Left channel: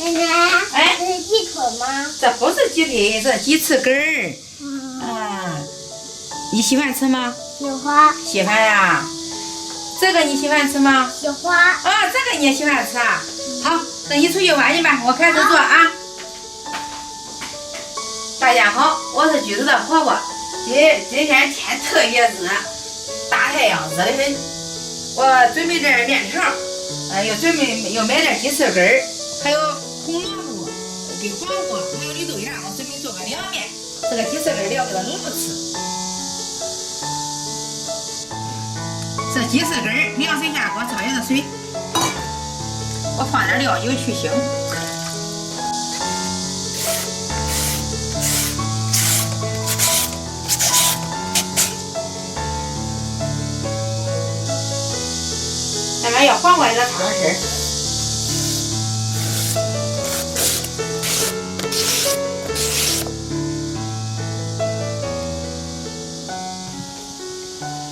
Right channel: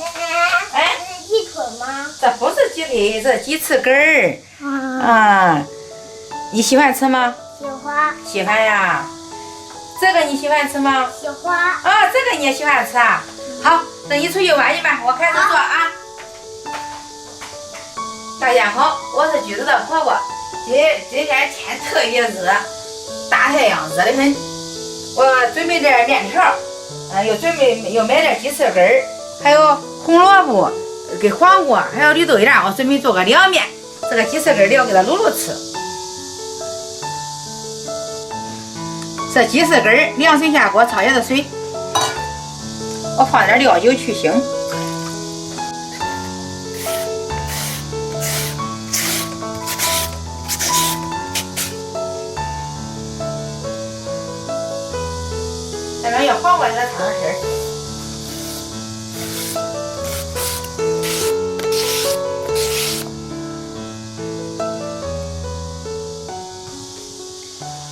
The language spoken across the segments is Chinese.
奶奶，哎，这是鸡腿吗？这不是鸡腿，这是鸡翅根儿。啊，你喜欢吃吗？喜欢。喜欢呀。这个你喜欢吃吗？喜欢。啊，这个你也喜欢吃啊？好，等你出去玩去吧，我开始做啊。大家好，我是橘子的婆婆。今天天特别热，大太阳热得很。我准备点面条，又买点鸡翅根儿，还有红萝卜跟黄瓜，还有绿豆芽。我准备做个凉面，这个鸡翅根儿要给它卤卤吃。这鸡翅根儿凉水下锅焯一下水，我放点料酒去腥。下面要黄瓜给它烫上身。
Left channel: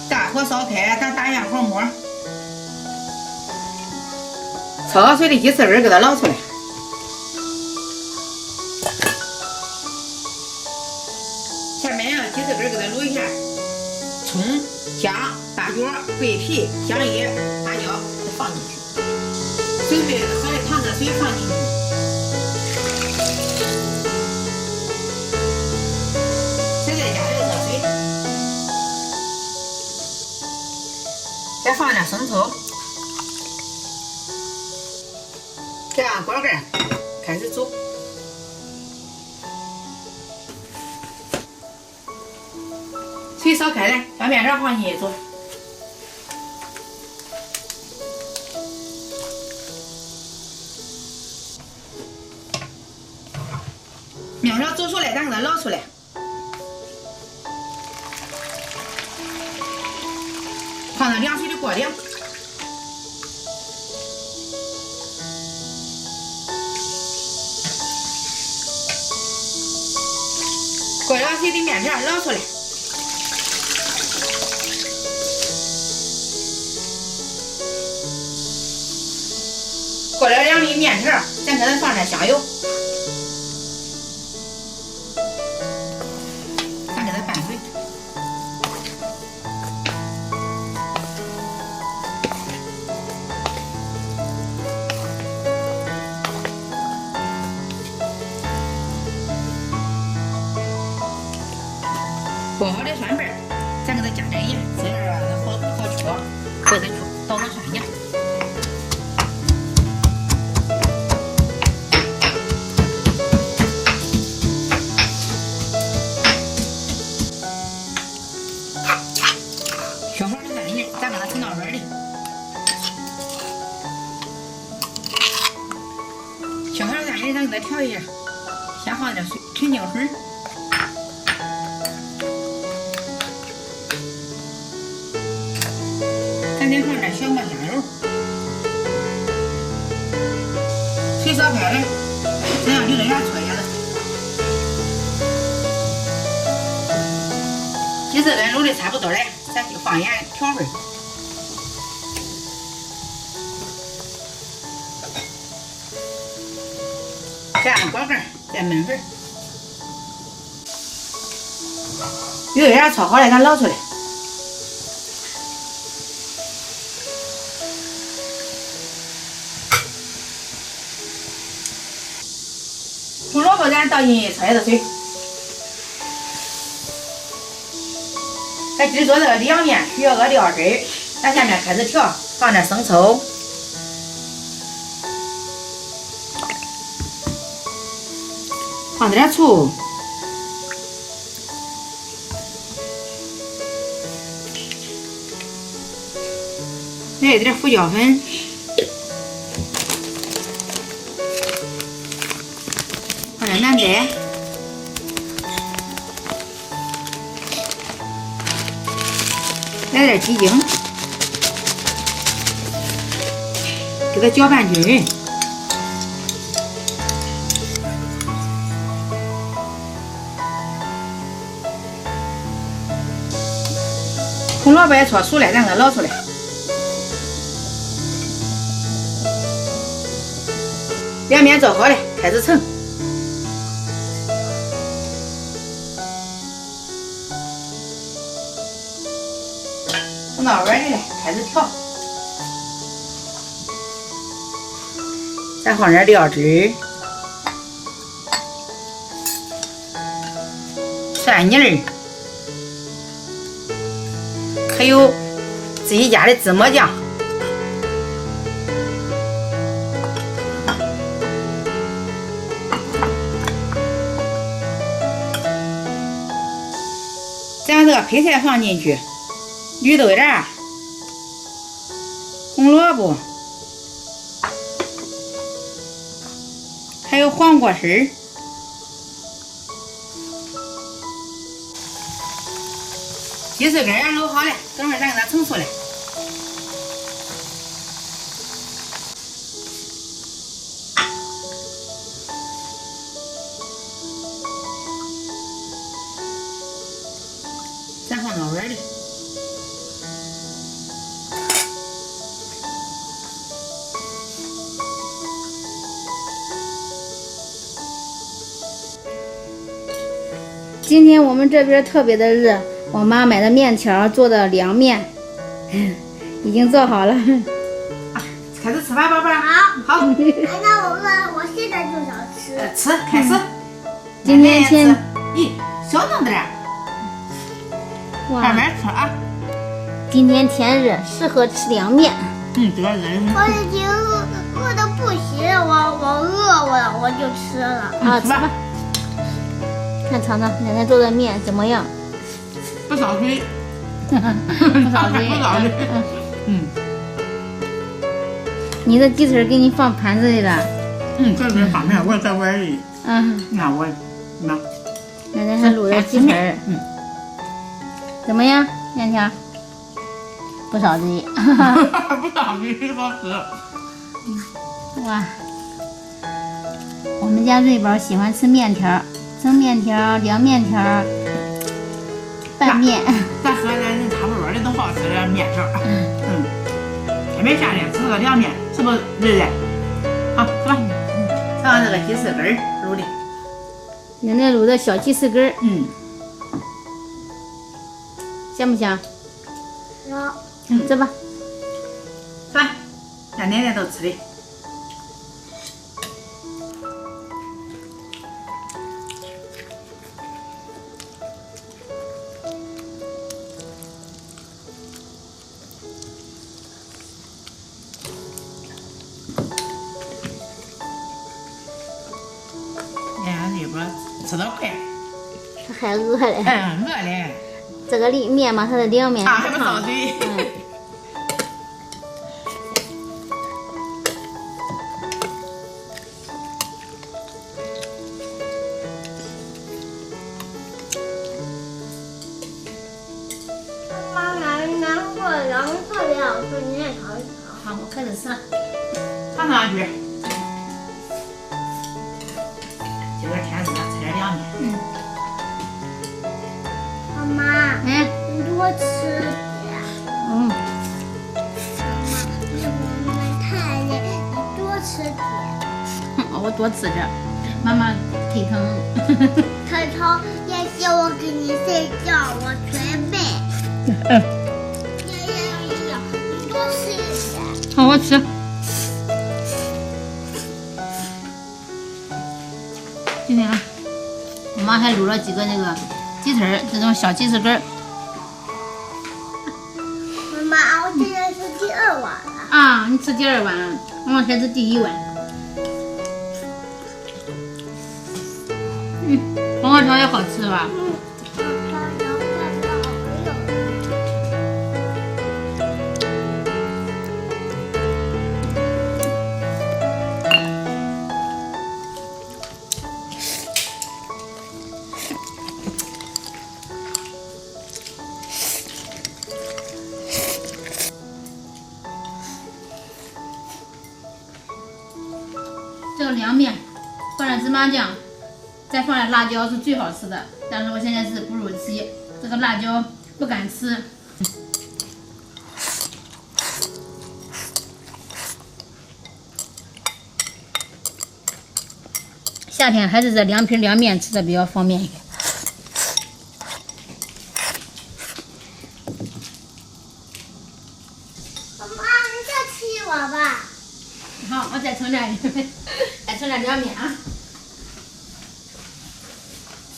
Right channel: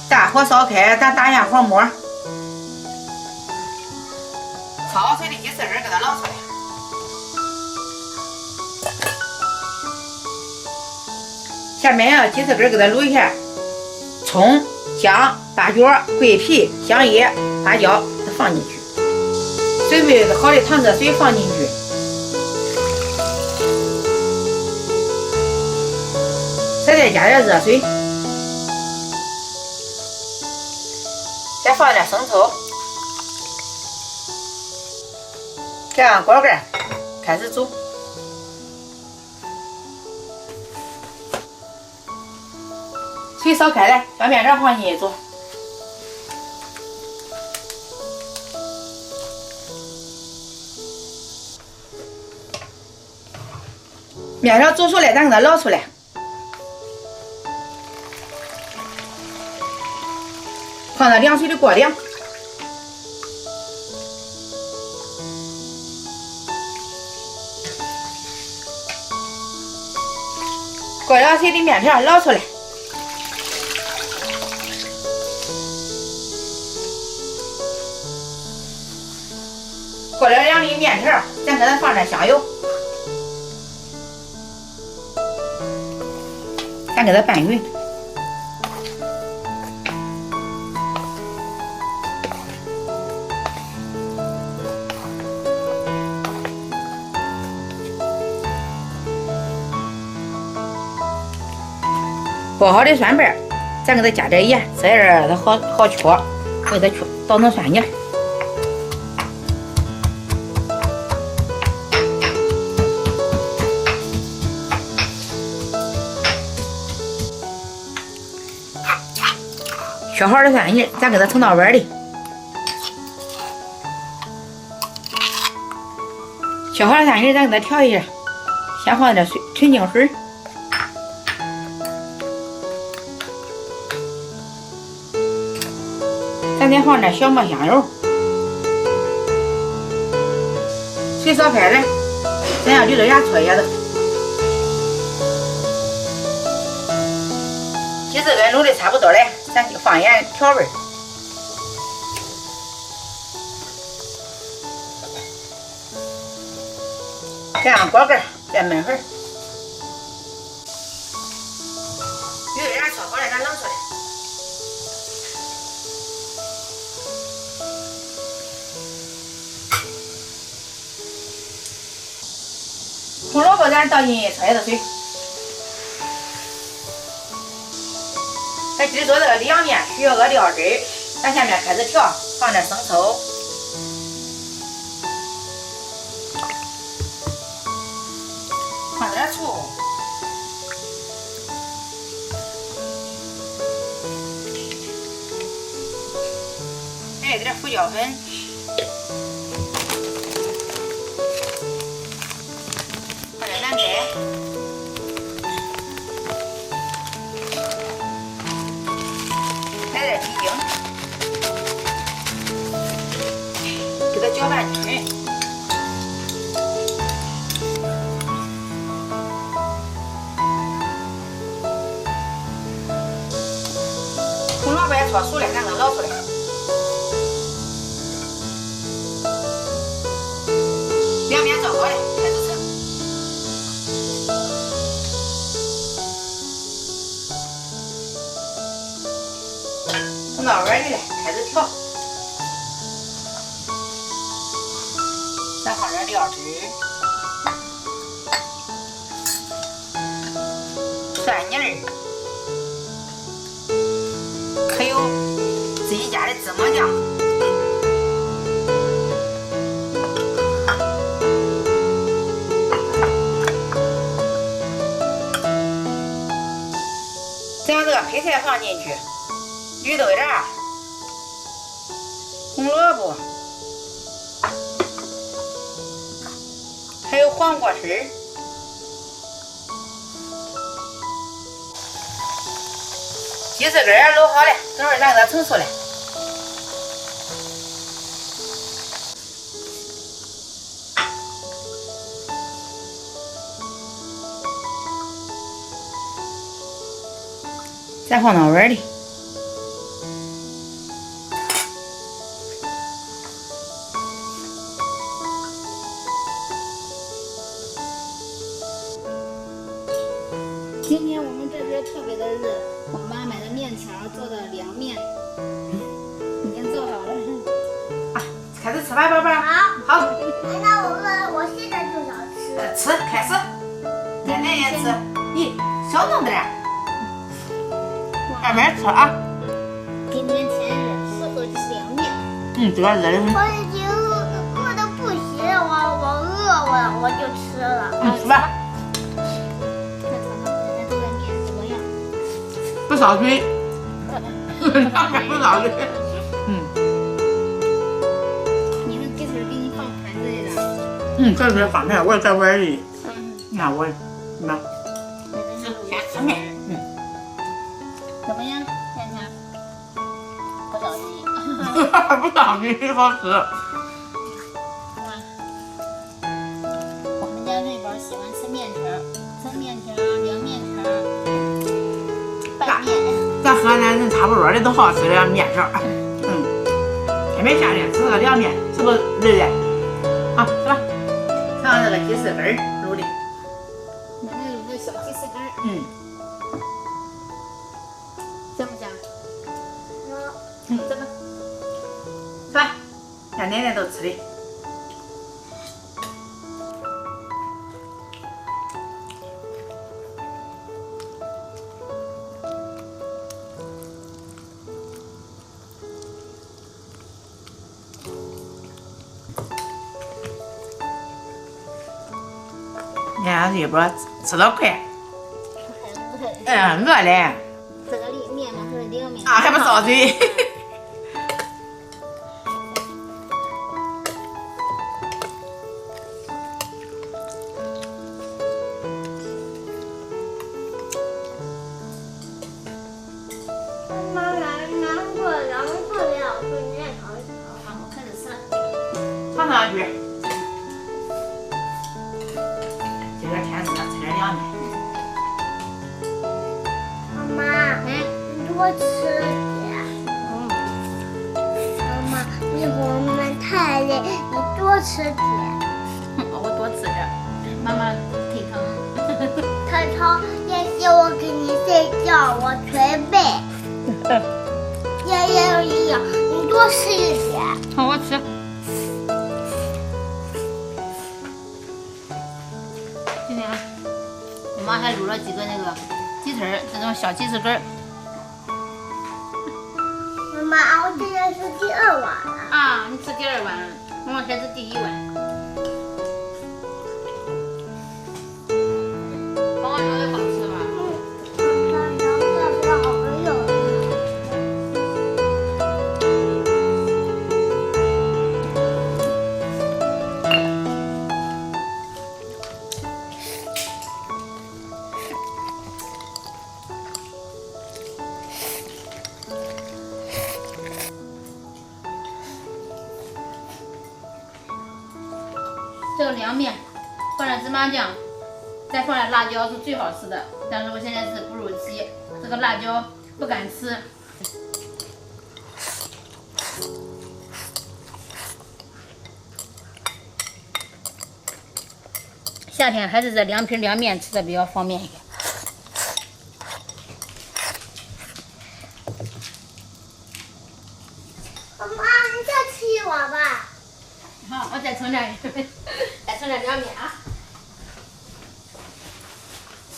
大火烧开，咱打一下火沫，焯好水的鸡翅根给它捞出来。下面要鸡翅根给它卤一下，葱、姜、八角、桂皮、香叶、花椒都放进去，准备好的糖热水放进去，再加点热水。再放点生抽，盖上锅盖，开始煮。水烧开了，把面条放进去煮。面条煮熟了，咱给它捞出来。放到凉水里过凉。过凉水的面条捞出来。过了凉的面条，咱给它放点香油，咱给它拌匀。剥好的蒜瓣，咱给它加点盐，这样它好搓，不给它捣成蒜泥。削好的蒜泥，咱给它盛到碗里。削好的蒜泥，咱给它调一下，先放点纯净水。咱再放点小磨香油，水烧开了，咱让绿豆芽搓一下子。鸡翅根卤的差不多了，咱就放盐调味。盖上锅盖，再焖会儿。绿豆芽炒好了，咱捞出来。红萝卜咱倒进去焯一下水。咱今儿做这个凉面需要个料汁儿，咱下面开始调，放点生抽，放点醋，来一点胡椒粉，放点南白，来点鸡精，给它搅拌均匀。红萝卜也炒熟了，咱给它捞出来。两面做好了，开始盛。盛到碗里了，开始调。再放点料汁、蒜泥儿，还有自己家的芝麻酱。再把这个配菜放进去，绿豆芽、红萝卜，还有黄瓜丝儿。鸡翅根儿卤好了，等会儿咱给它盛熟了。再放到碗里。今天我们这边特别的热，我妈买的面条做的凉面，已经做好了。啊，开始吃吧，宝贝儿。好。好。那我现在就想吃。吃，开始。今天吃。咦，小弄点儿。慢慢吃啊。今天天热，适合吃凉面。这个热的很。我已经饿得不行，我饿了，我就吃了。啊，吃吧。看尝尝奶奶做的面怎么样？不烧水。不烧水。不烧水。你的鸡腿给你放盘子里了。这是放盘，我在碗里。你看我，那。奶奶还卤了鸡腿。怎么样，面条？不烧鸡。不烧鸡好吃。哇，我们家瑞宝喜欢吃面条，蒸面条、凉面条、拌面。咱河南人差不多的都好吃这面条。天没夏天吃个凉面，是不是瑞瑞？好，吃吧。尝尝这个鸡翅根儿卤的。奶奶卤的小鸡翅根儿。香不香？香。吃吧。吃吧，让奶奶都吃的。你看这波吃得快。他还饿嘞。饿嘞。这个面嘛，它的凉面。还不烧水。妈妈，难过凉特别好吃，你也尝一尝。好，我开始吃了。尝上去。今个天热，吃点凉面。妈妈，你多吃点。妈妈，一会儿我们太累，你多吃点。我多吃点，妈妈腿疼。腿疼，也许我给你睡觉，我捶背。也，你多吃一点。好，我吃。今天我妈还卤了几个那个鸡腿，这种小鸡翅根儿。妈妈，我现在是第2碗了。啊，你吃第2碗，妈妈才吃第1碗。黄瓜条也好吃吧？这个凉面放点芝麻酱，再放点辣椒是最好吃的。但是我现在是哺乳期，这个辣椒不敢吃。夏天还是这2瓶凉面吃的比较方便一点。妈妈，你再吃一碗吧。好，我再盛点，再盛点凉面啊。